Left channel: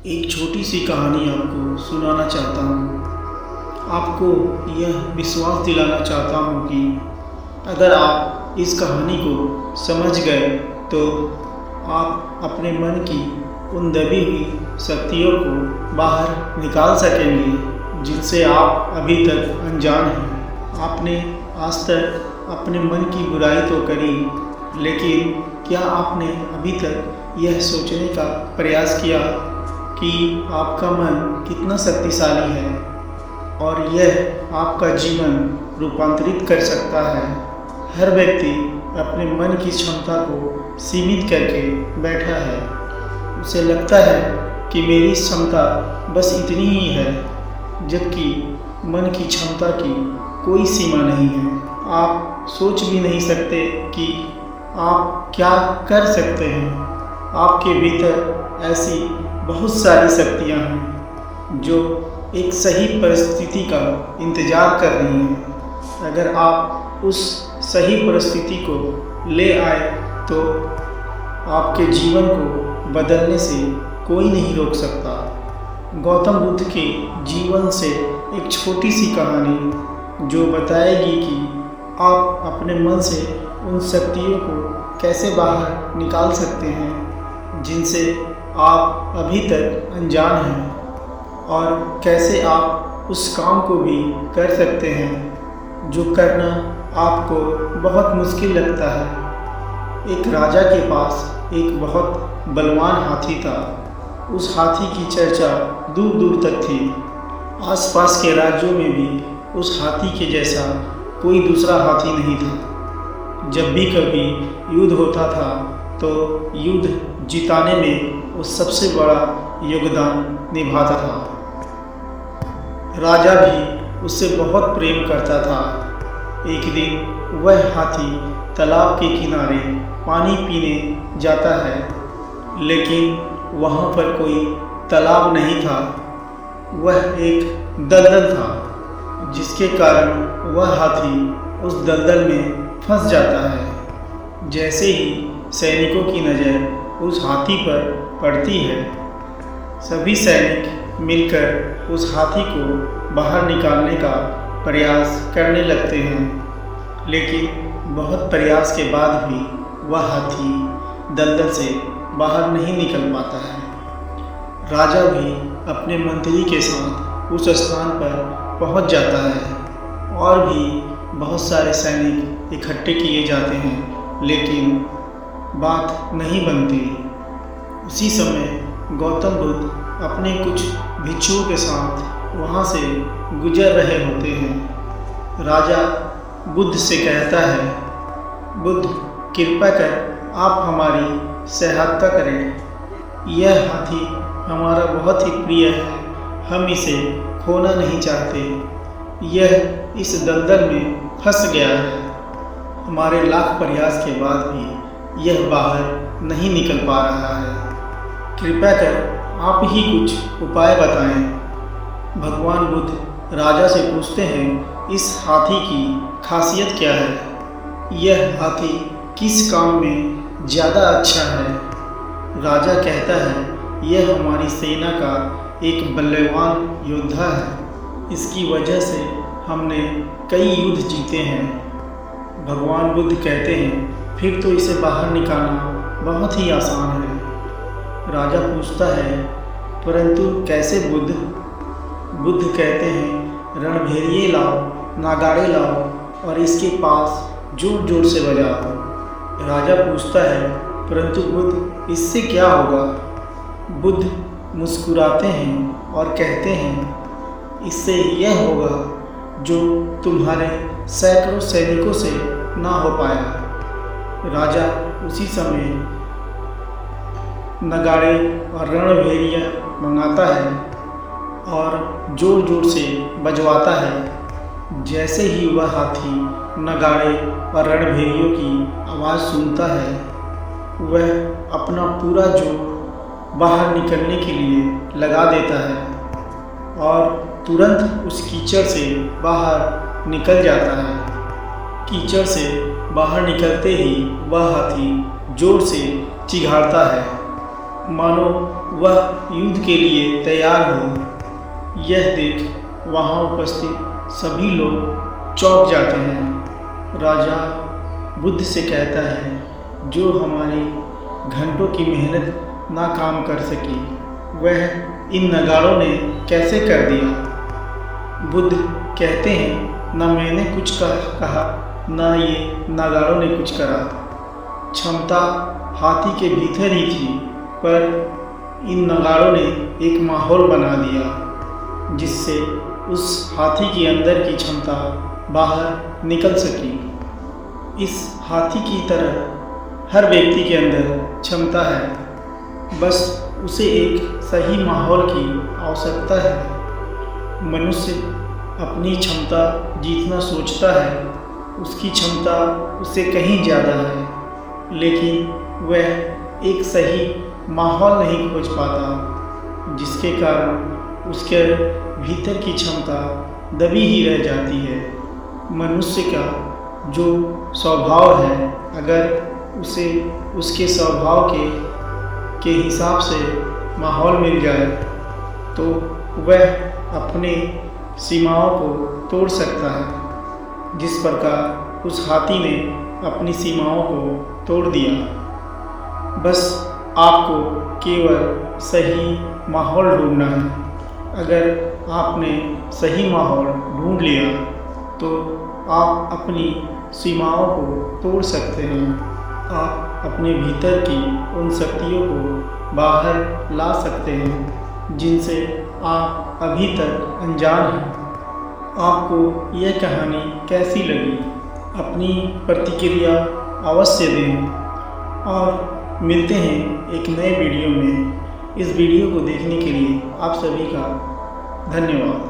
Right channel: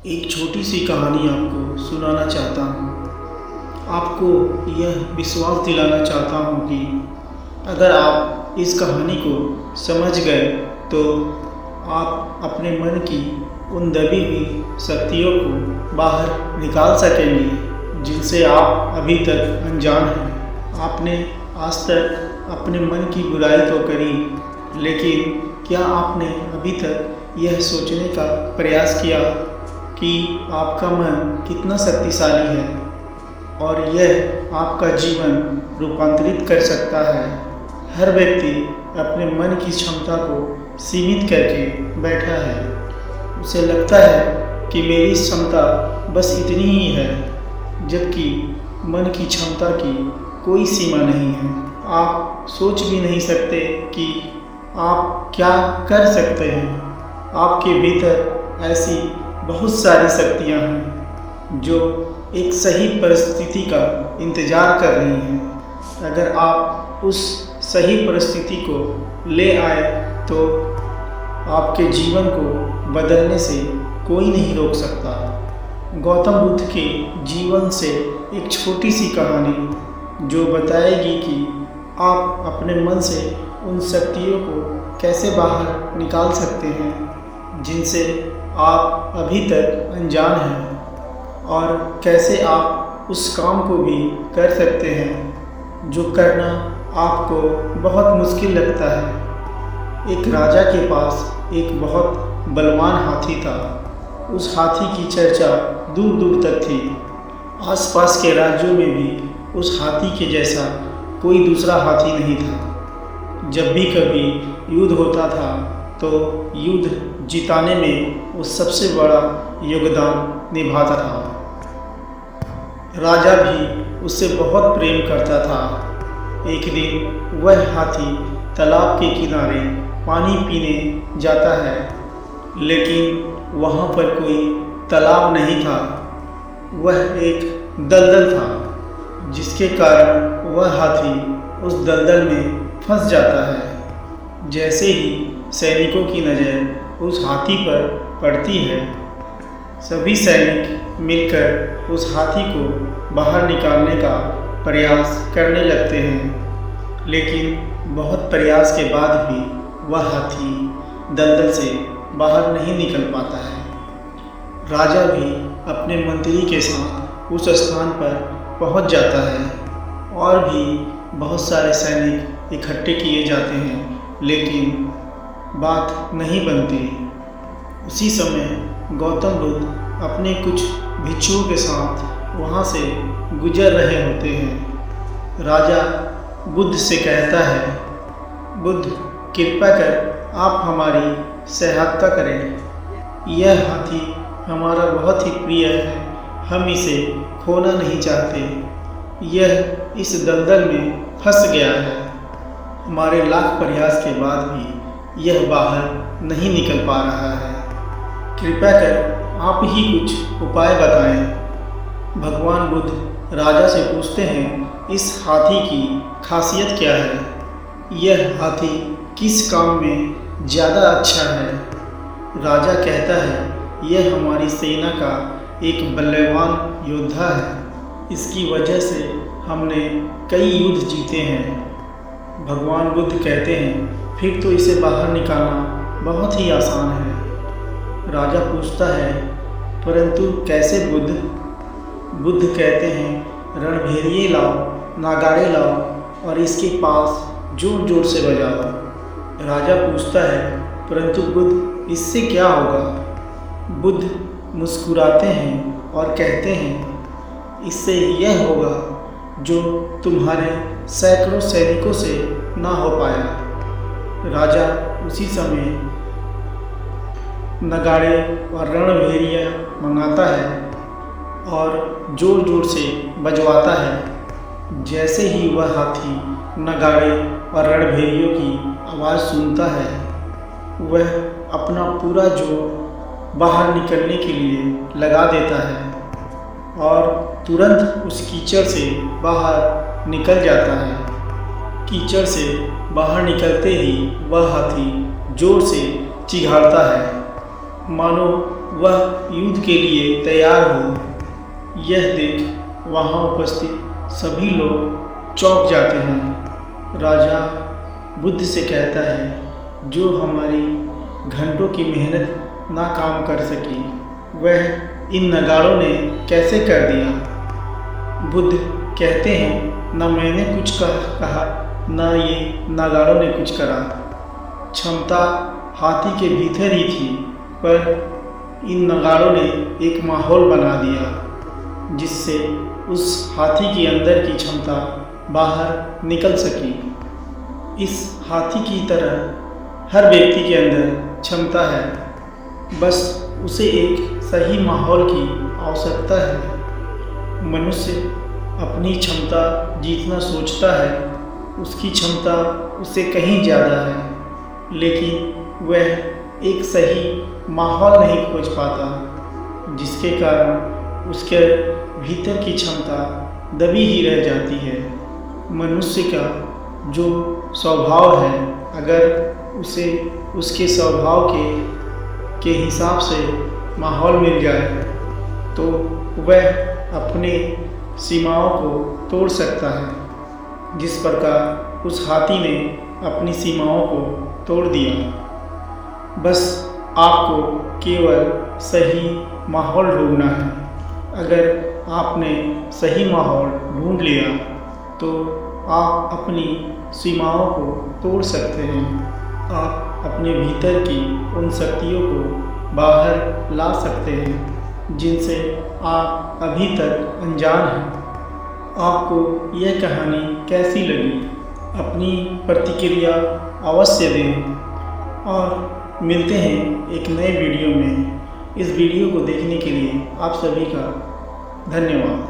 एक छोटी सी कहानी आपको सुनाना चाहता हूँ। आपको यह विश्वास दिलाना चाहता हूँ कि अगर आप इस कहानी को समझ गए तो आप अपने मन की उन दबी हुई शक्तियों को बाहर निकाल सकेंगे जिनसे आप अभी तक अनजान हैं। आपने आज तक अपने मन की बुराई तो करी, लेकिन क्या आपने अभी तक यह सोचने का प्रयास किया कि आपका मन कितना शक्तिशाली है और यह आपका जीवन रूपांतरित कर सकता है। हर व्यक्ति अपने मन की क्षमता को सीमित करके बैठा है। उसे लगता है कि मेरी क्षमता बस इतनी ही है, जबकि मन की क्षमता की कोई सीमा नहीं है। आप सोच भी नहीं सकते कि आप क्या कर सकते हैं। आपके भीतर ऐसी बहुत सारी शक्तियाँ हैं जो एक सही परिस्थिति का इंतज़ार कर रही हैं। अगर आप उस सही परिस्थिति को ले आए तो आपके जीवन को बदलने से कोई नहीं रोक सकता। गौतम बुद्ध के जीवन से एक छोटी सी कहानी जो बताएगी कि आप अपने मन से उन शक्तियों को कैसे बाहर निकाल सकते हैं जिनसे आप अभी तक अनजान हैं, और कैसे आप उस काम को भी कर सकते हैं जो करना आपको बहुत मुश्किल लगता है। एक राजा के पास एक बहुत बलवान हाथी था। उस हाथी की चर्चा दूर दूर तक थी। आसपास के राज्यों में भी उस हाथी के जैसा कोई दूसरा हाथी नहीं था। जब भी कभी युद्ध होता था तो युद्ध जिताने में वो सबसे बड़ा योगदान निभाता था। राजा भी उससे बहुत प्रेम करता था। एक दिन वह हाथी तालाब के किनारे पानी पीने जाता है, लेकिन वहाँ पर कोई तालाब नहीं था। वह एक दलदल था, जिसके कारण वह हाथी उस दलदल में फंस जाता है। जैसे ही सैनिकों की नज़र उस हाथी पर पड़ती है, सभी सैनिक मिलकर उस हाथी को बाहर निकालने का प्रयास करने लगते हैं, लेकिन बहुत प्रयास के बाद भी वह हाथी दलदल से बाहर नहीं निकल पाता है। राजा भी अपने मंत्री के साथ उस स्थान पर पहुंच जाता है और भी बहुत सारे सैनिक इकट्ठे किए जाते हैं, लेकिन बात नहीं बनती। उसी समय गौतम बुद्ध अपने कुछ भिक्षुओं के साथ वहाँ से गुजर रहे होते हैं। राजा बुद्ध से कहता है, बुद्ध, कृपा कर आप हमारी सहायता करें। यह हाथी हमारा बहुत ही प्रिय है। हम इसे खोना नहीं चाहते। यह इस दलदल में फंस गया है। हमारे लाख प्रयास के बाद भी यह बाहर नहीं निकल पा रहा है। कृपया कर आप ही कुछ उपाय बताएं। भगवान बुद्ध राजा से पूछते हैं, इस हाथी की खासियत क्या है? यह हाथी किस काम में ज़्यादा अच्छा है? राजा कहता है, यह हमारी सेना का एक बलवान योद्धा है। इसकी वजह से हमने कई युद्ध जीते हैं। भगवान बुद्ध कहते हैं, फिर तो इसे बाहर निकालना बहुत ही आसान है। राजा पूछता है, परंतु कैसे बुद्ध? बुद्ध कहते हैं, रणभेरिये लाओ, नगाड़े लाओ और इसके पास जोर जोर से बजाओ। राजा पूछता है, परंतु बुद्ध इससे क्या होगा? बुद्ध मुस्कुराते हैं और कहते हैं, इससे यह होगा जो तुम्हारे सैकड़ों सैनिकों से ना हो पाया। राजा उसी समय नगाड़े और रणभेरिया मंगाता है और ज़ोर ज़ोर से बजवाता है। जैसे ही वह हाथी नगाड़े और रणभेरियों की आवाज़ सुनता है, वह अपना पूरा जोर बाहर निकलने के लिए लगा देता है और तुरंत उस कीचड़ से बाहर निकल जाता है। कीचड़ से बाहर निकलते ही वह हाथी ज़ोर से चिघाड़ता है, मानो वह युद्ध के लिए तैयार हो। यह देख वहाँ उपस्थित सभी लोग चौंक जाते हैं। राजा बुद्ध से कहता है, जो हमारी घंटों की मेहनत ना काम कर सकी, वह इन नगाड़ों ने कैसे कर दिया। बुद्ध कहते हैं, न मैंने कुछ कहा न ये नगाड़ों ने कुछ करा। क्षमता हाथी के भीतर ही थी, पर इन नगाड़ों ने एक माहौल बना दिया जिससे उस हाथी के अंदर की क्षमता बाहर निकल सकी। इस हाथी की तरह हर व्यक्ति के अंदर क्षमता है, बस उसे एक सही माहौल की आवश्यकता है। मनुष्य अपनी क्षमता जितना सोचता है, उसकी क्षमता उससे कहीं ज़्यादा है, लेकिन वह एक सही माहौल नहीं खोज पाता, जिसके कारण उसके भीतर की क्षमता दबी ही रह जाती है। मनुष्य का जो स्वभाव है, अगर उसे उसके स्वभाव के हिसाब से माहौल मिल जाए तो वह अपने सीमाओं को तोड़ सकता है, जिस प्रकार उस हाथी ने अपनी सीमाओं को तोड़ दिया। बस आपको केवल सही माहौल ढूंढना है। अगर आपने सही माहौल ढूंढ लिया तो आप अपनी सीमाओं को तोड़ सकते हैं। आप अपने भीतर की उन शक्तियों को बाहर ला सकते हैं जिनसे आप अभी तक अनजान हैं। आपको यह कहानी कैसी लगी? अपनी प्रतिक्रिया अवश्य दें और मिलते हैं एक नए वीडियो में। इस वीडियो को देखने के लिए आप सभी का धन्यवाद।